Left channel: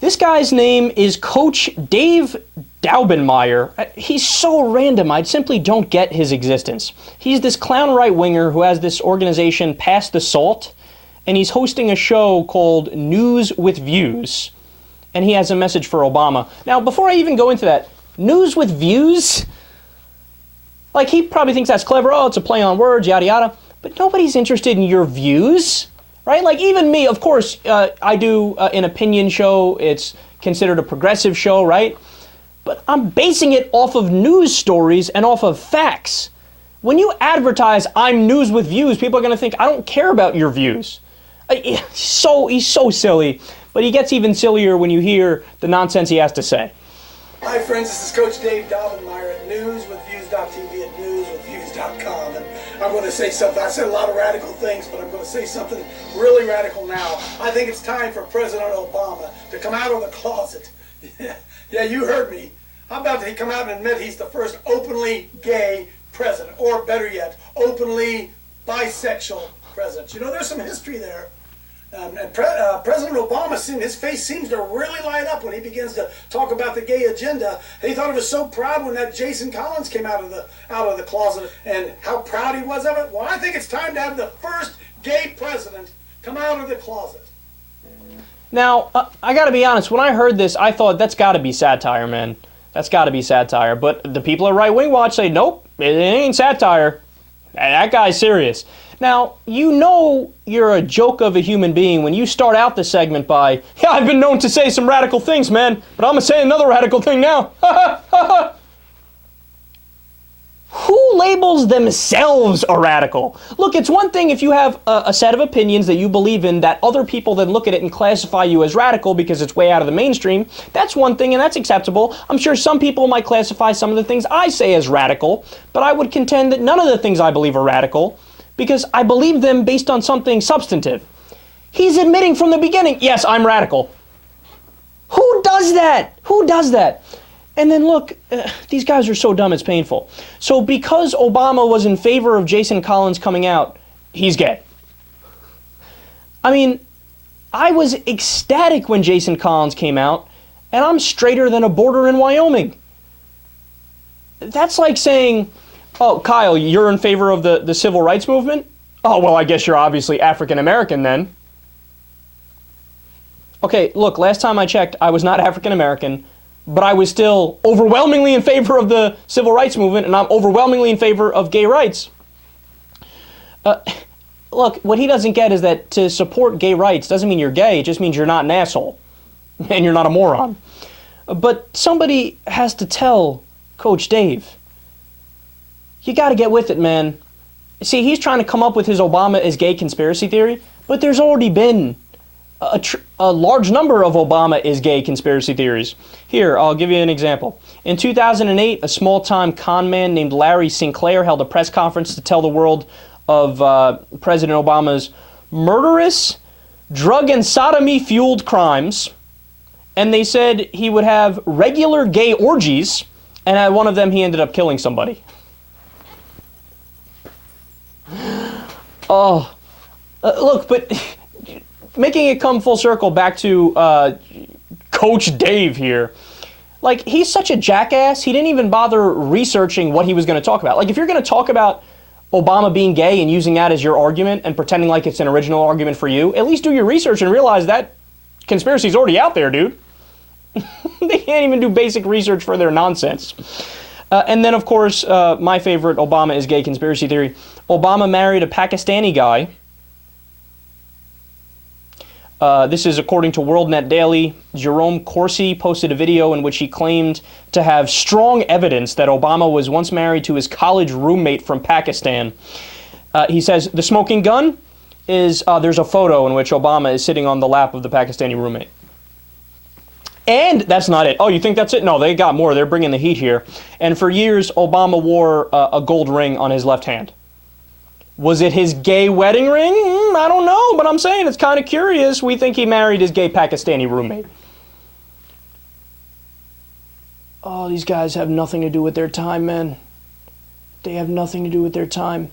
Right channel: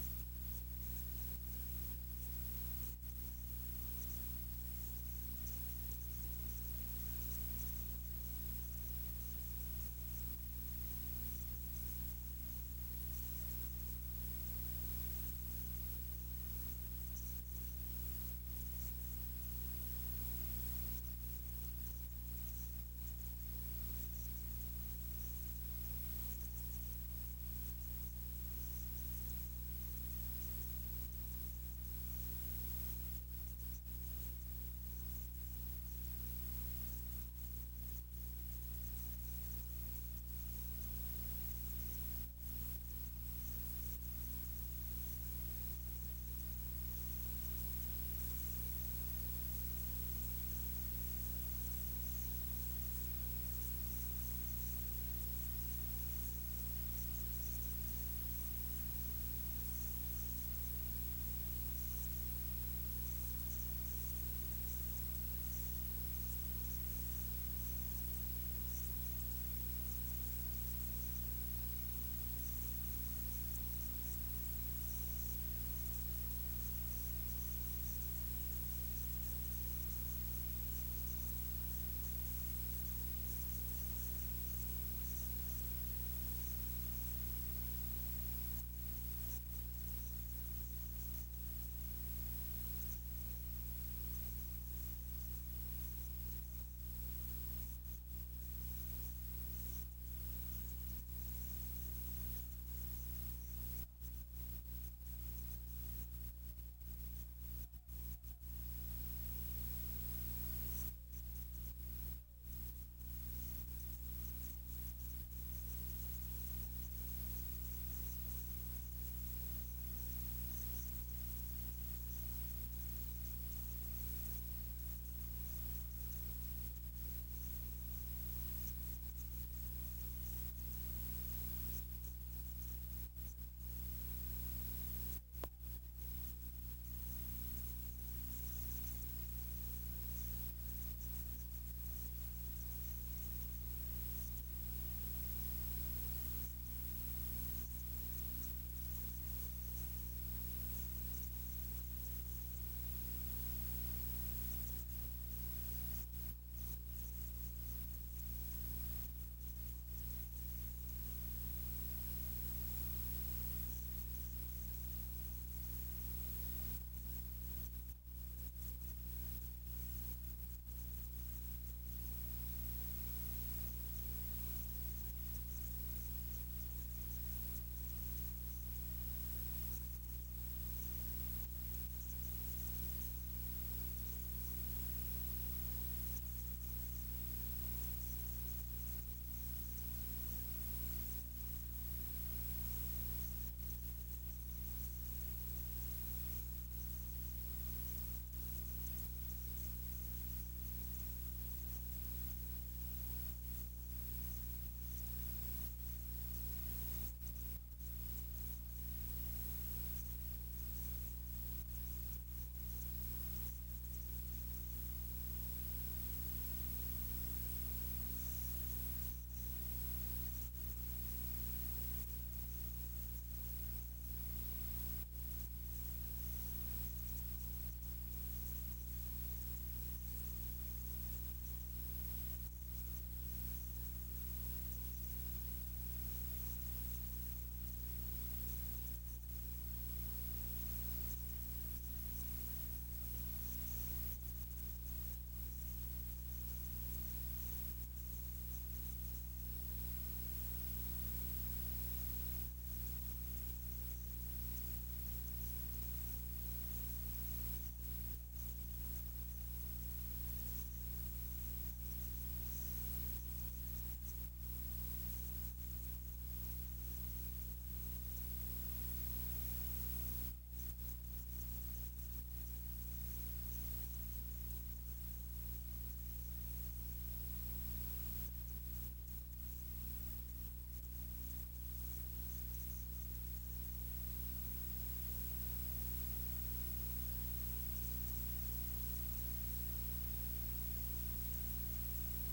This guy's name is Coach Dave Daubenmire. He's so random, I simply don't get his existence. He's this clown right-winger who has this organization, Pass the Salt, and he's hosting a show called News with Views, and he has a message for Obama. Now, before I even go into that, News with Views? Like, he probably thinks that's clever. Oh, it's a play on words, yada yada. But nobody's interested in your views. Right? Like, even me, of course, I do an opinion show. It's considered a progressive show, right? But I'm basing it off of news stories and off of facts. When you advertise, I'm News with Views, people are going to think, I don't care about your views. He's so silly. But he gets even sillier when you hear the nonsense he has to say. Hi, friends. This is Coach Dave Daubenmire at newswithviews.tv at newswithviews.com. And I'm going to say something. I said a lot of radical things, but I'm going to say something really radical now. I think it's time for President Obama to come out of the closet. Yeah, you heard me. I'm about to come out and admit he's the first openly gay president, or better yet, openly bisexual president. You know, there's some history there. President Obama, his face seems to really light up when he begins to talk about the gay agenda. He thought he was so proud when that Jason Collins came out of the closet, and how proud he was of it. Well, I think it's time to have the first gay president come out of the closet. Now, I got to be honest. When I heard this, I thought that's got to be satire, man. That's got to be satire. But the people at Right Wing Watch say, nope, it ain't satire. That guy's serious. Now, you know you're a joke of a human being when you start out the segment by, yeah, I've been known to say some radical things, man, but I'm going to say another radical thing now. Who labels themselves a radical? Look, it's one thing if you have a set of opinions that you believe in that other people then look at it and classify you as radical because it's way out of the mainstream. That's one thing, and that's acceptable. I'm sure some people might classify some of the things I say as radical, but I would contend that none of the things I believe are radical, because I believe them based on something substantive. He's admitting from the beginning, yes, I'm radical. Who does that? Who does that? And then look, these guys are so dumb it's painful. So because Obama was in favor of Jason Collins coming out, he's gay. I mean, I was ecstatic when Jason Collins came out, and I'm straighter than a border in Wyoming. That's like saying, oh, Kyle, you're in favor of the civil rights movement? Oh, well, I guess you're obviously African American then. Okay, look, last time I checked, I was not African American, but I was still overwhelmingly in favor of the civil rights movement, and I'm overwhelmingly in favor of gay rights. Look, what he doesn't get is that to support gay rights doesn't mean you're gay, it just means you're not an asshole, and you're not a moron. But somebody has to tell Coach Dave, you got to get with it, man. See, he's trying to come up with his Obama is gay conspiracy theory, but there's already been a large number of Obama is gay conspiracy theories. Here, I'll give you an example. In 2008, a small-time con man named Larry Sinclair held a press conference to tell the world of President Obama's murderous, drug and sodomy-fueled crimes, and they said he would have regular gay orgies, and at one of them he ended up killing somebody. Oh, look, but making it come full circle back to Coach Dave here, like, he's such a jackass, he didn't even bother researching what he was going to talk about. Like, if you're going to talk about Obama being gay and using that as your argument and pretending like it's an original argument for you, at least do your research and realize that conspiracy's already out there, dude. They can't even do basic research for their nonsense. And then, of course, my favorite Obama is gay conspiracy theory. Obama married a Pakistani guy. This is according to WorldNet Daily. Jerome Corsi posted a video in which he claimed to have strong evidence that Obama was once married to his college roommate from Pakistan. He says the smoking gun is, there's a photo in which Obama is sitting on the lap of the Pakistani roommate. And that's not it. Oh, you think that's it? No, they got more. They're bringing the heat here. And for years, Obama wore a gold ring on his left hand. Was it his gay wedding ring? I don't know, but I'm saying it's kind of curious. We think he married his gay Pakistani roommate. Oh, these guys have nothing to do with their time, man. They have nothing to do with their time.